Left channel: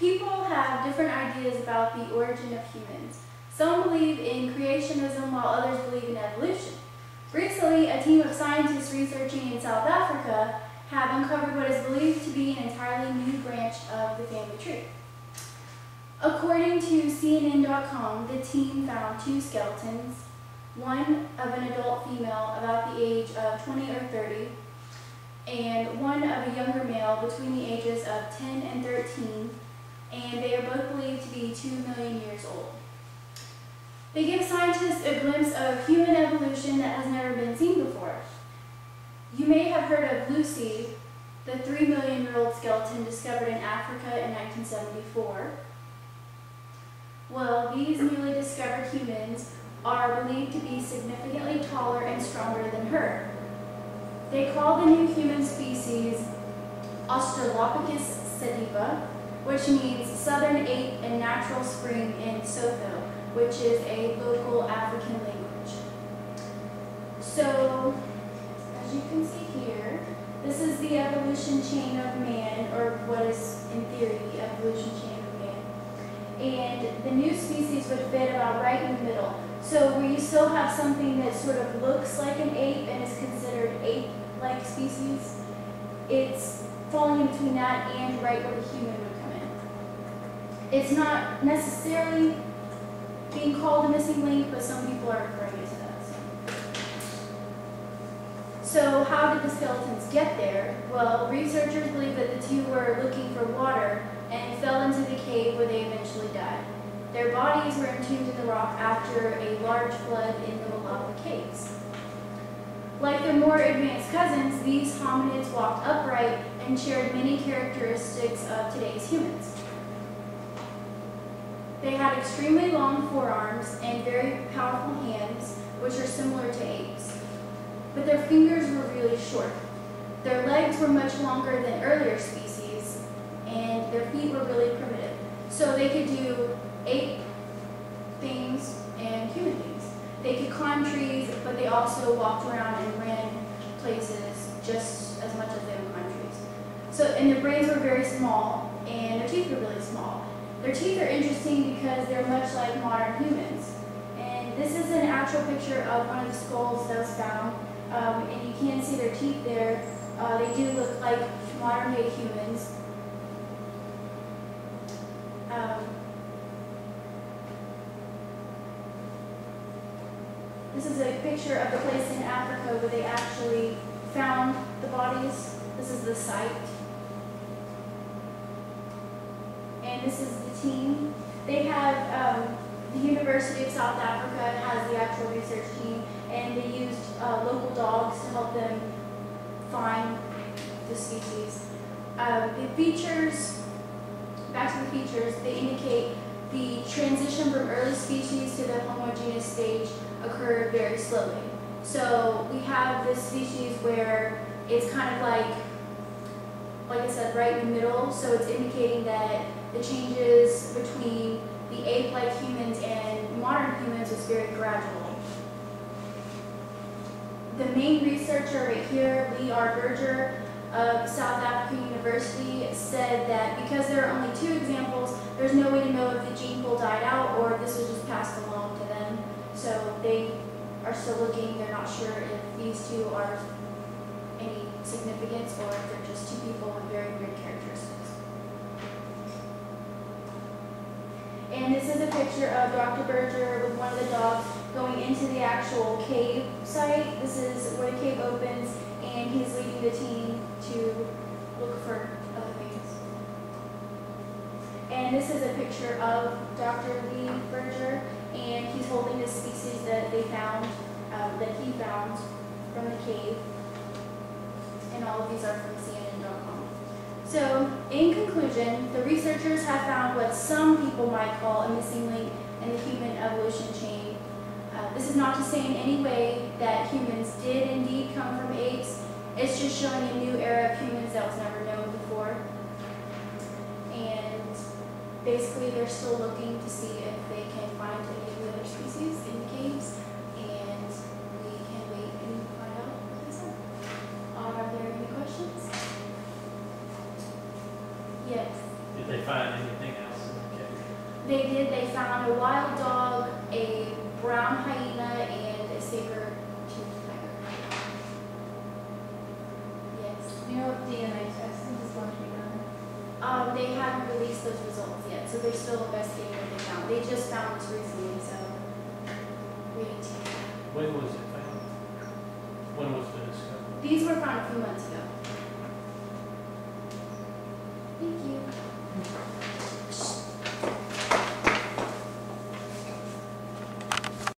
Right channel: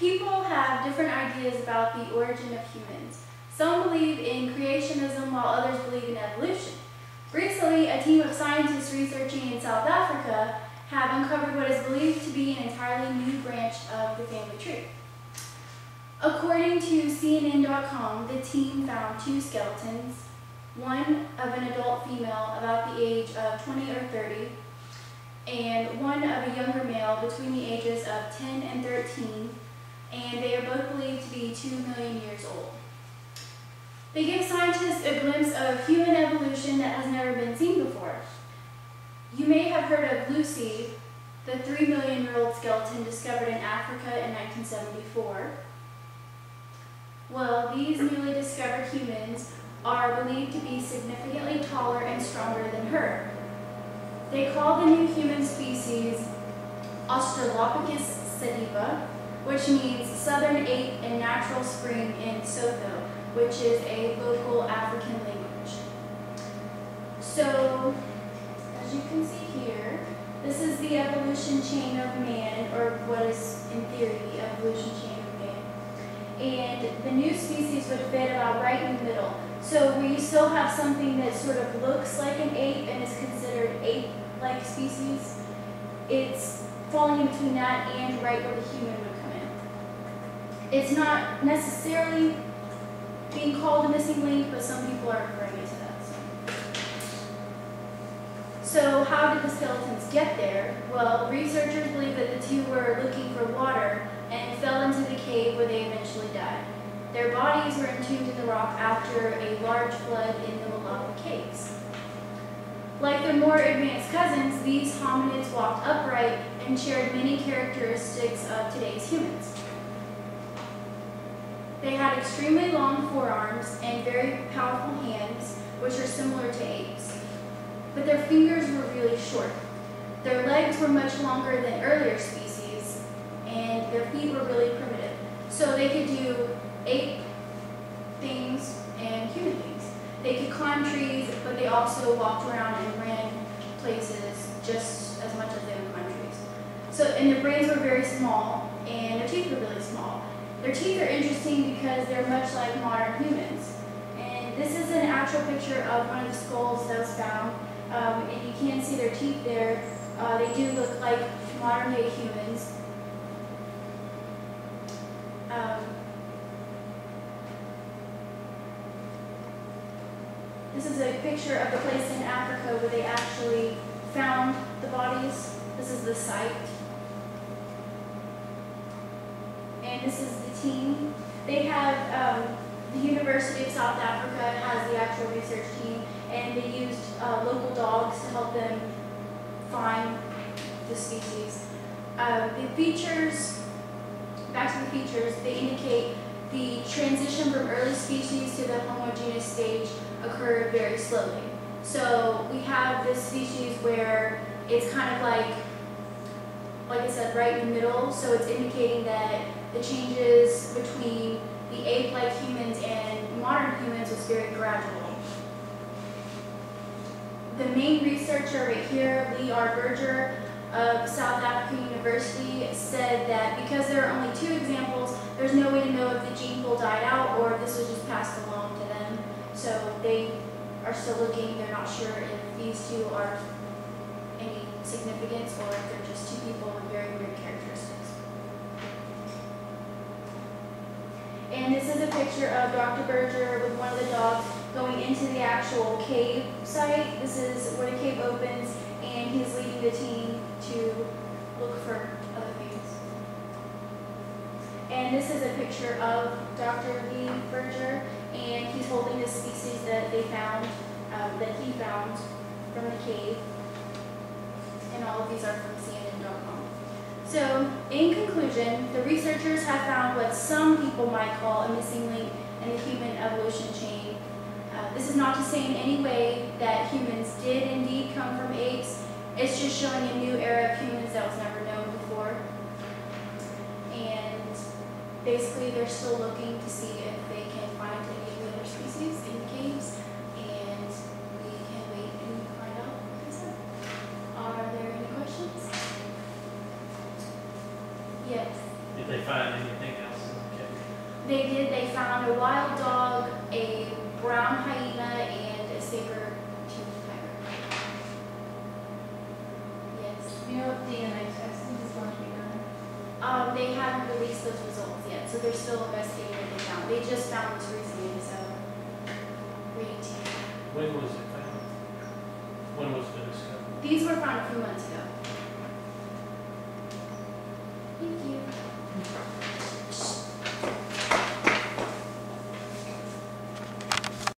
People have different ideas about the origin of humans. Some believe in creationism while others believe in evolution. Recently, a team of scientists researching in South Africa have uncovered what is believed to be an entirely new branch of the family tree. According to CNN.com, the team found two skeletons, one of an adult female about the age of 20 or 30, and one of a younger male between the ages of 10 and 13, and they are both believed to be 2 million years old. They give scientists a glimpse of human evolution that has never been seen before. You may have heard of Lucy, the 3-million-year-old skeleton discovered in Africa in 1974. Well, these newly discovered humans are believed to be significantly taller and stronger than her. They call the new human species Australopithecus sediba, which means southern ape and natural spring in Sotho, which is a local African language. So, as you can see here, this is the evolution chain of man, or what is in theory the evolution chain of man. And the new species would fit about right in the middle. So where you still have something that sort of looks like an ape and is considered ape-like species, it's falling in between that and right where the human would come in. It's not necessarily being called a missing link, but some people are referring it to that. So how did the skeletons get there? Well, researchers believe that the two were looking for water and fell into the cave where they eventually died. Their bodies were entombed in the rock after a large flood in the Malapa Caves. Like their more advanced cousins, these hominids walked upright and shared many characteristics of today's humans. They had extremely long forearms and very powerful hands, which are similar to apes. But their fingers were really short. Their legs were much longer than earlier species, and their feet were really primitive. So they could do ape things and human things. They could climb trees, but they also walked around and ran places just as much as they would climb trees. So, and their brains were very small, and their teeth were really small. Their teeth are interesting because they're much like modern humans. And this is an actual picture of one of the skulls that was found, and you can see their teeth there. They do look like modern day humans. This is a picture of the place in Africa where they actually found the bodies. This is the site. And this is the team. They have, the University of South Africa has the actual research team, and they used local dogs to help them find the species. The features, back to the features, they indicate the transition from early species to the Homo genus stage occurred very slowly. So we have this species where it's kind of like I said, right in the middle. So it's indicating that the changes between the ape-like humans and modern humans was very gradual. The main researcher right here, Lee R. Berger of South African University, said that because there are only 2 examples, there's no way to know if the gene pool died out or if this was just passed along to them. So they are still looking. They're not sure if these 2 are any significance or if they're just 2 people with very weird characteristics. And this is a picture of Dr. Berger with one of the dogs going into the actual cave site. This is where the cave opens, and he's leading the team to look for other things. And this is a picture of Dr. Lee Berger, and he's holding this species that they found, that he found from the cave. And all of these are from CNN.com. So, in conclusion, the researchers have found what some people might call a missing link in the human evolution chain. This is not to say in any way that humans did indeed come from apes. It's just showing a new era of humans that was never known before. And basically, they're still looking to see if they can find any of the other species in the caves, and we can wait and find out what they said. Are there any questions? Yes. Did they find anything They did. They found a wild dog, a brown hyena, and a saber-toothed tiger. Yes. You know what DNA testing is going to be done? They haven't released those results yet, so they're still investigating what they found. They just found this recently, so reading to you. When was it found? When was the discovery? These were found a few months ago.